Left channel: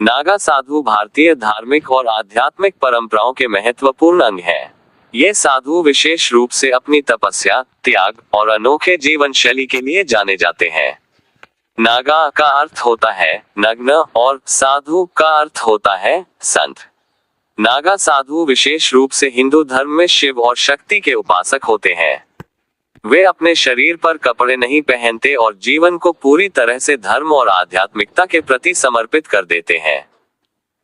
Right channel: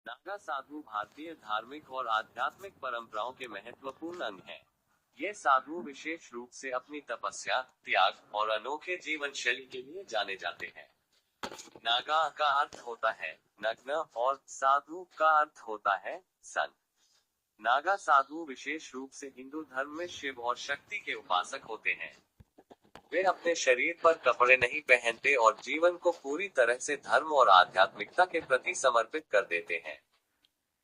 नागा साधु भारतीय धार्मिक और आध्यात्मिक परंपराओं के महत्वपूर्ण अंग हैं। ये साधु विशेष रूप से अपनी तपस्या, त्याग और अनोखे जीवन शैली के लिए जाने जाते हैं। नागा का अर्थ होता है नग्न और साधु का अर्थ होता है संत। नागा साधु विशेष रूप से हिंदू धर्म में शिव और शक्ति के उपासक होते हैं। वे अपने शरीर पर कपड़े नहीं पहनते और जीवन को पूरी तरह से धर्म और आध्यात्मिकता के प्रति समर्पित कर देते हैं।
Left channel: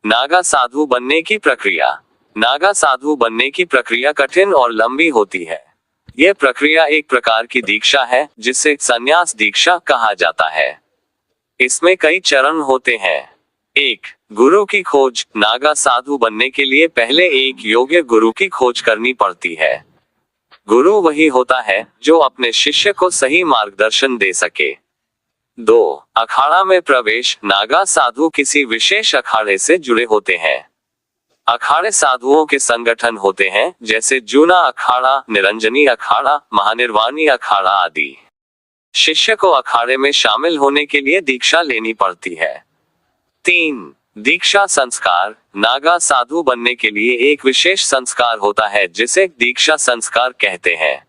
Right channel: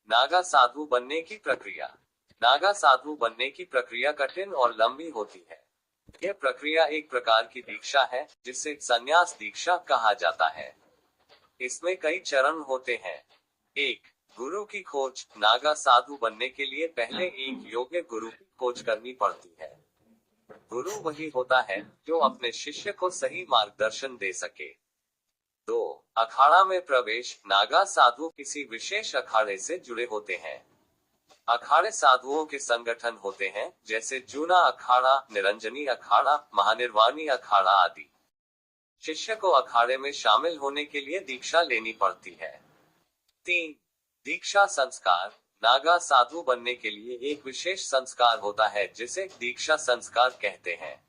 नागा साधु बनने की प्रक्रिया। नागा साधु बनने की प्रक्रिया कठिन और लंबी होती है। यह प्रक्रिया एक प्रकार की दीक्षा है जिसे संन्यास दीक्षा कहा जाता है। इसमें कई चरण होते हैं। 1. गुरु की खोज। नागा साधु बनने के लिए पहले एक योग्य गुरु की खोज करनी पड़ती है। गुरु वही होता है जो अपने शिष्य को सही मार्गदर्शन दे सके। 2. अखाड़ा में प्रवेश। नागा साधु किसी विशेष अखाड़े से जुड़े होते हैं। अखाड़े साधुओं के संगठन होते हैं जैसे जूना अखाड़ा, निरंजनी अखाड़ा, महानिर्वाणी अखाड़ा आदि। शिष्य को अखाड़े में शामिल होने के लिए दीक्षा लेनी पड़ती है। 3. दीक्षा संस्कार। नागा साधु बनने के लिए एक विशेष संस्कार होता है जिसे दीक्षा संस्कार कहते हैं।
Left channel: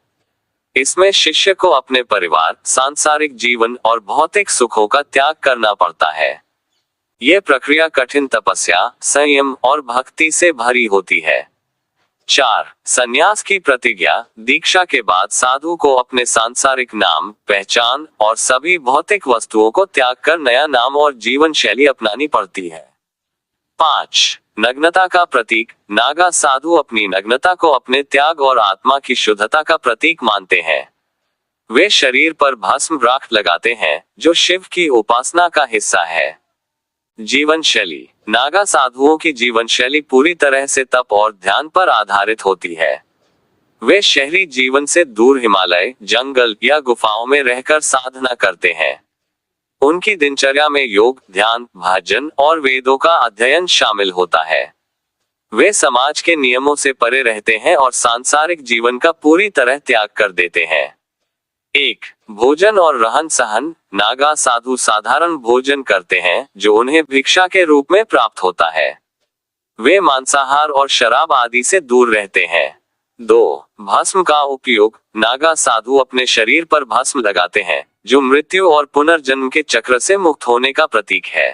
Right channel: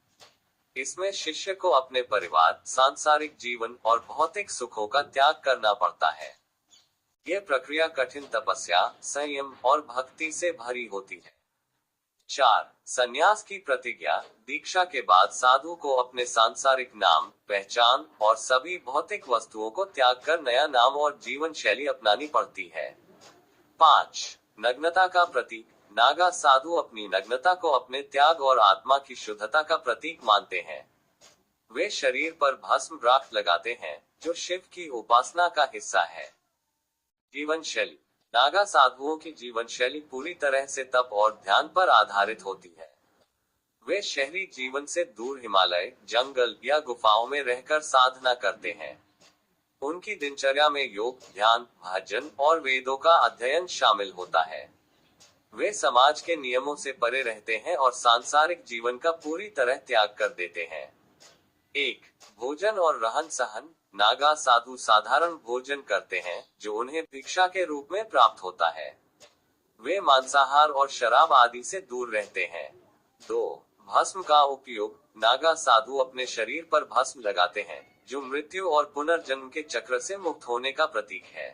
इसमें शिष्य को अपने परिवार, सांसारिक जीवन और भौतिक सुखों का त्याग करना पड़ता है। यह प्रक्रिया कठिन तपस्या, संयम और भक्ति से भरी होती है। 4. संन्यास की प्रतिज्ञा। दीक्षा के बाद साधु को अपने सांसारिक नाम, पहचान और सभी भौतिक वस्तुओं को त्याग कर नया नाम और जीवन शैली अपनानी पड़ती है। 5. नग्नता का प्रतीक। नागा साधु अपनी नग्नता को अपने त्याग और आत्मा की शुद्धता का प्रतीक मानते हैं। वे शरीर पर भस्म राख लगाते हैं जो शिव की उपासना का हिस्सा है। जीवन शैली। नागा साधुओं की जीवन शैली पूरी तरह से तप और ध्यान पर आधारित होती है। वे शहरी जीवन से दूर हिमालय, जंगल या गुफाओं में रहकर साधना करते हैं। उनकी दिनचर्या में योग, ध्यान, भजन और वेदों का अध्ययन शामिल होता है। वे समाज के नियमों से परे रहते हैं और सांसारिक जीवन का पूरी तरह त्याग कर देते हैं। 1. भोजन और रहन सहन। नागा साधु साधारण भोजन करते हैं जो उन्हें भिक्षा के रूप में प्राप्त होता है। वे मांसाहार और शराब आदि से दूर रहते हैं। 2. भस्म का उपयोग। नागा साधु अपने शरीर पर भस्म लगाते हैं जो मृत्यु और पुनर्जन्म के चक्र से मुक्त होने का प्रतीक है।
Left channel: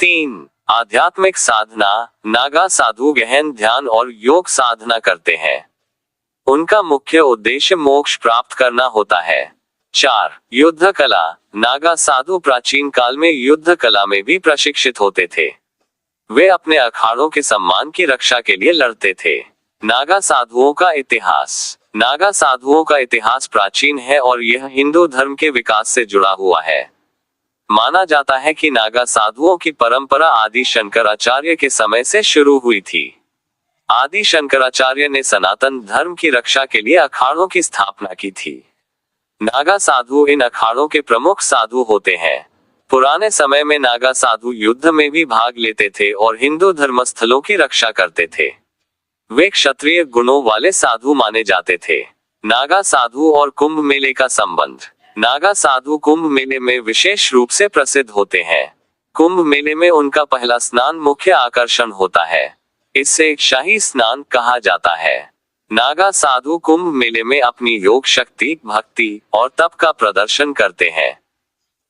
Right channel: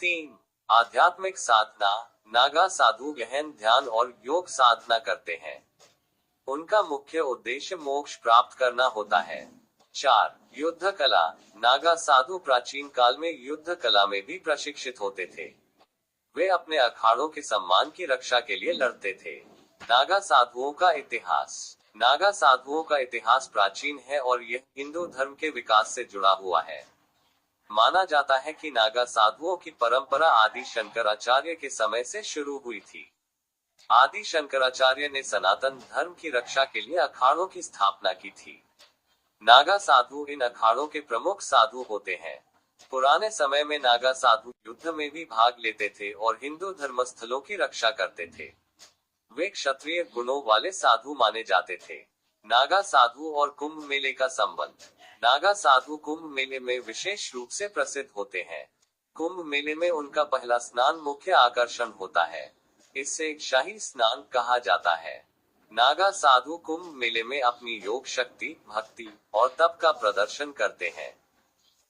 3. आध्यात्मिक साधना। नागा साधु गहन ध्यान और योग साधना करते हैं। उनका मुख्य उद्देश्य मोक्ष प्राप्त करना होता है। 4. युद्ध कला। नागा साधु प्राचीन काल में युद्ध कला में भी प्रशिक्षित होते थे। वे अपने अखाड़ों के सम्मान की रक्षा के लिए लड़ते थे। नागा साधुओं का इतिहास। नागा साधुओं का इतिहास प्राचीन है और यह हिंदू धर्म के विकास से जुड़ा हुआ है। माना जाता है कि नागा साधुओं की परंपरा आदि शंकराचार्य के समय से शुरू हुई थी। आदि शंकराचार्य ने सनातन धर्म की रक्षा के लिए अखाड़ों की स्थापना की थी। नागा साधु इन अखाड़ों के प्रमुख साधु होते हैं। पुराने समय में नागा साधु युद्ध में भी भाग लेते थे और हिंदू धर्मस्थलों की रक्षा करते थे। वे क्षत्रिय गुणों वाले साधु माने जाते थे। नागा साधु और कुंभ मेले का संबंध। नागा साधु कुंभ मेले में विशेष रूप से प्रसिद्ध होते हैं। कुंभ मेले में उनका पहला स्नान मुख्य आकर्षण होता है। इसे शाही स्नान कहा जाता है। नागा साधु कुंभ मेले में अपनी योग शक्ति, भक्ति और तप का प्रदर्शन करते हैं।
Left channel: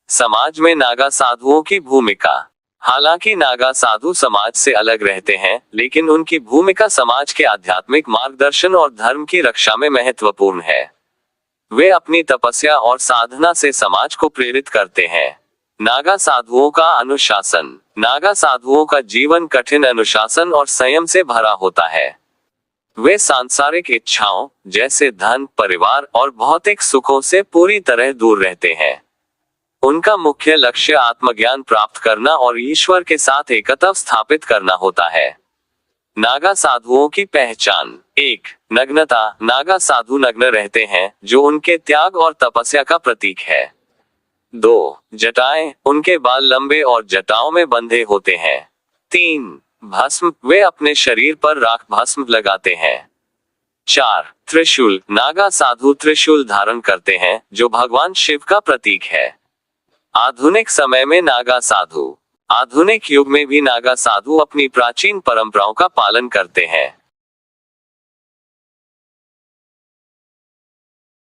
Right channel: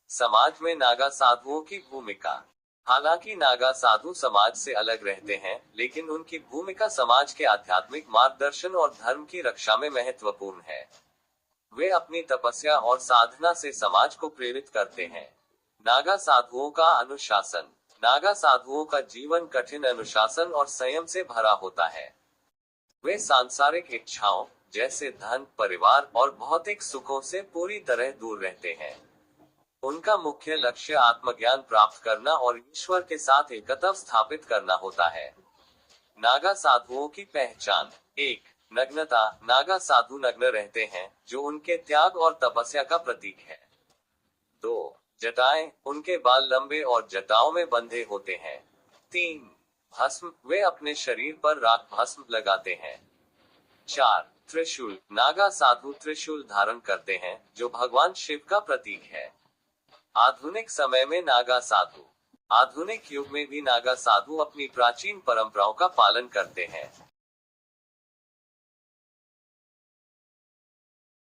समाज में नागा साधुओं की भूमिका। हालांकि नागा साधु समाज से अलग रहते हैं, लेकिन उनकी भूमिका समाज के आध्यात्मिक मार्गदर्शन और धर्म की रक्षा में महत्वपूर्ण है। वे अपनी तपस्या और साधना से समाज को प्रेरित करते हैं। नागा साधुओं का अनुशासन। नागा साधुओं का जीवन कठिन अनुशासन और संयम से भरा होता है। वे सांसारिक इच्छाओं जैसे धन, परिवार और भौतिक सुखों से पूरी तरह दूर रहते हैं। उनका मुख्य लक्ष्य आत्मज्ञान प्राप्त करना और ईश्वर के साथ एकत्व स्थापित करना होता है। नागा साधुओं की पहचान। 1. नग्नता। नागा साधु नग्न रहते हैं जो उनके त्याग और तपस्या का प्रतीक है। 2. जटाएं। उनके बाल लंबे और जटाओं में बंधे होते हैं। 3. भस्म। वे अपने शरीर पर राख भस्म लगाते हैं। 4. त्रिशूल। नागा साधु त्रिशूल धारण करते हैं जो भगवान शिव का प्रतीक है। आधुनिक समय में नागा साधु आधुनिक युग में भी नागा साधु अपनी प्राचीन परंपराओं का पालन करते हैं।